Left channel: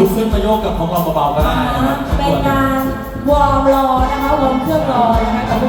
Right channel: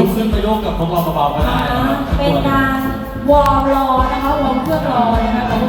ลุกขึ้นมาโยกกับของเราเบาๆก็ได้นะครับ เป็นการวอร์มรอนะคะวอร์มเครื่องรอนะคะ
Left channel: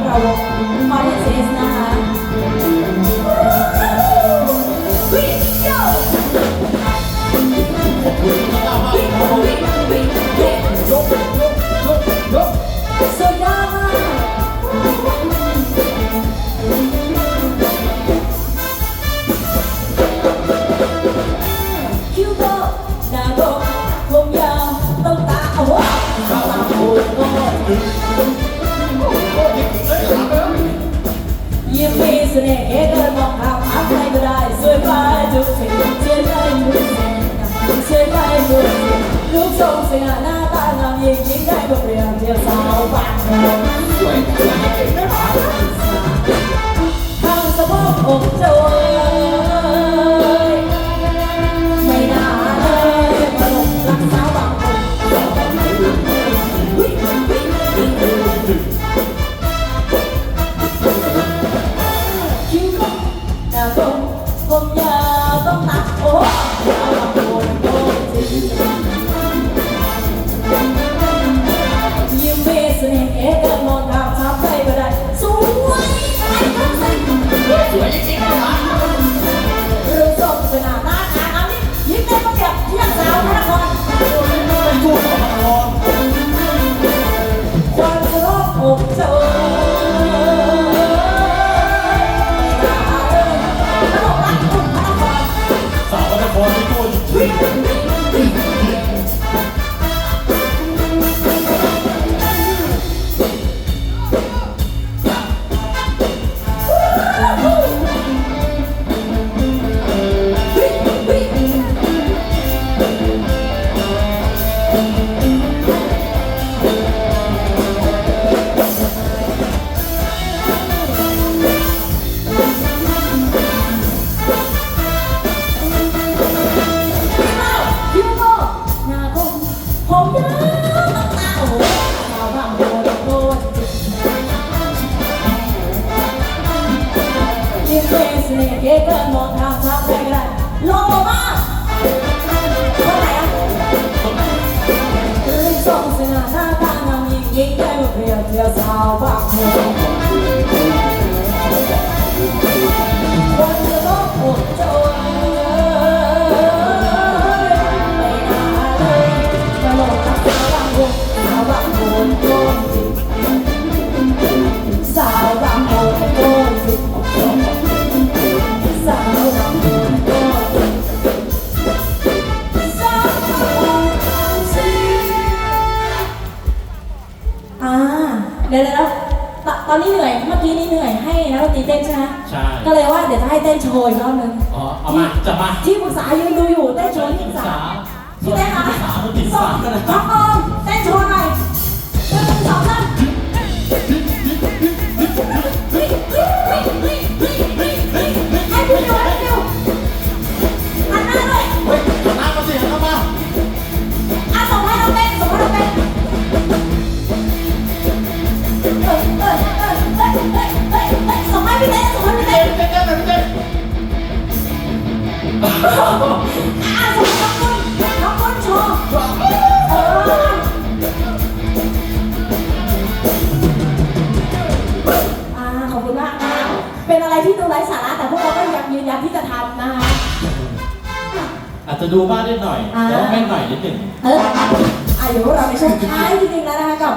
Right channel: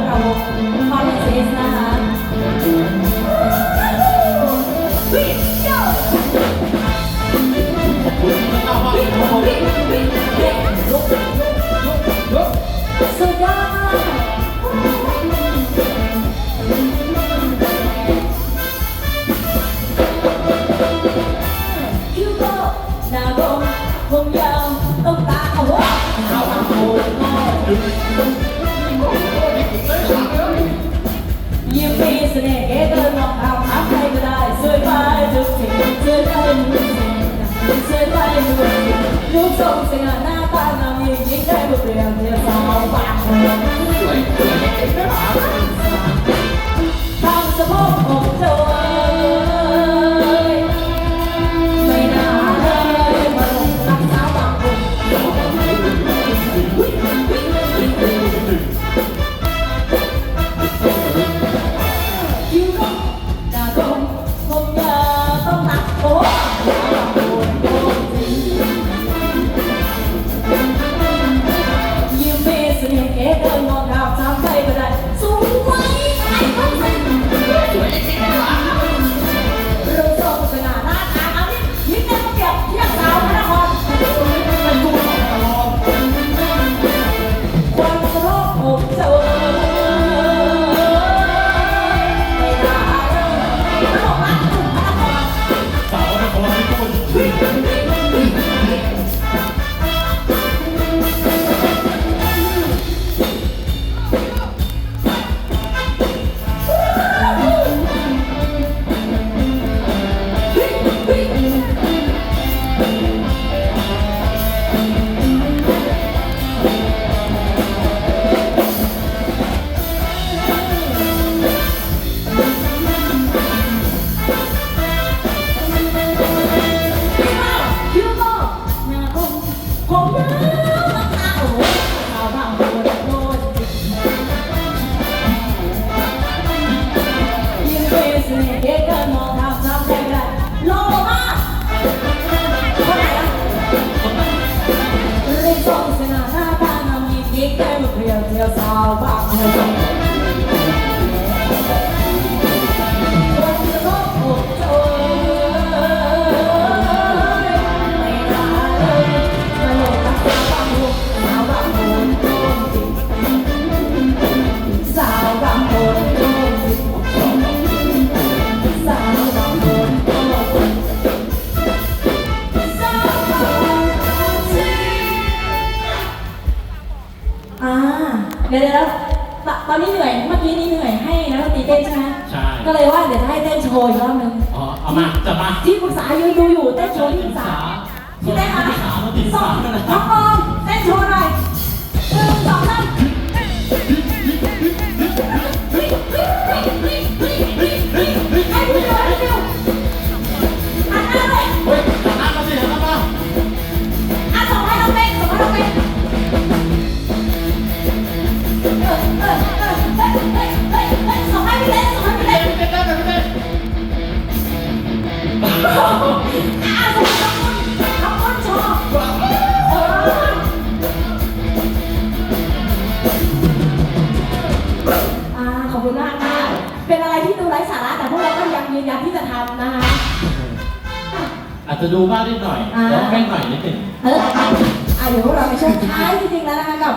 ยิ้มมีเสน่ห์เดินมองทางหาใครก็ได้สวยไปทุกสิ่งสวยไปทุกสิ่งสวยไปทุกสิ่งรูปทรงสง่าหน้า หมดทงรับไม่ได้โลมาเรื่องสองสนานน้าานงามยิ้มแก้มเรีเที่ยวสาวบ้ ดี๋ยวเดี๋ยวตอนนี้เหนื่อยเมื่อกี้นี้เหนื่อยให้แล้วตีเต้นใช่ไหมใช่ก็เลยว่าเดี๋ยวจะให้เต้นโชว์อีกรอบนึงอ๋อเอามาจับมาที่ปรึกษายืนดูอยู่ เราก็ยังยืนยันที่จะทำนะคะ อาจจะดูบ้างนิดหน่อยแต่ว่าไม่หน่อยนิดหนึ่งเอออะเดี๋ยวพวกเราในช่วงท้ายจริงๆแล้วนะคะกับ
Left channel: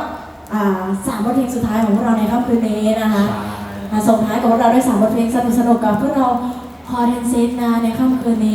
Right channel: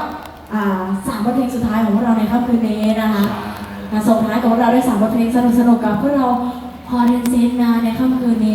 อ่าสามบทเพลงสุดท้ายของพวกเราในค่ำคืนนี้นะคะมาส่งท้ายของพวกเราด้วยสามบทเพลงสนุกๆกับพวกเราพอเทนซินนะในค่ำคืนนี้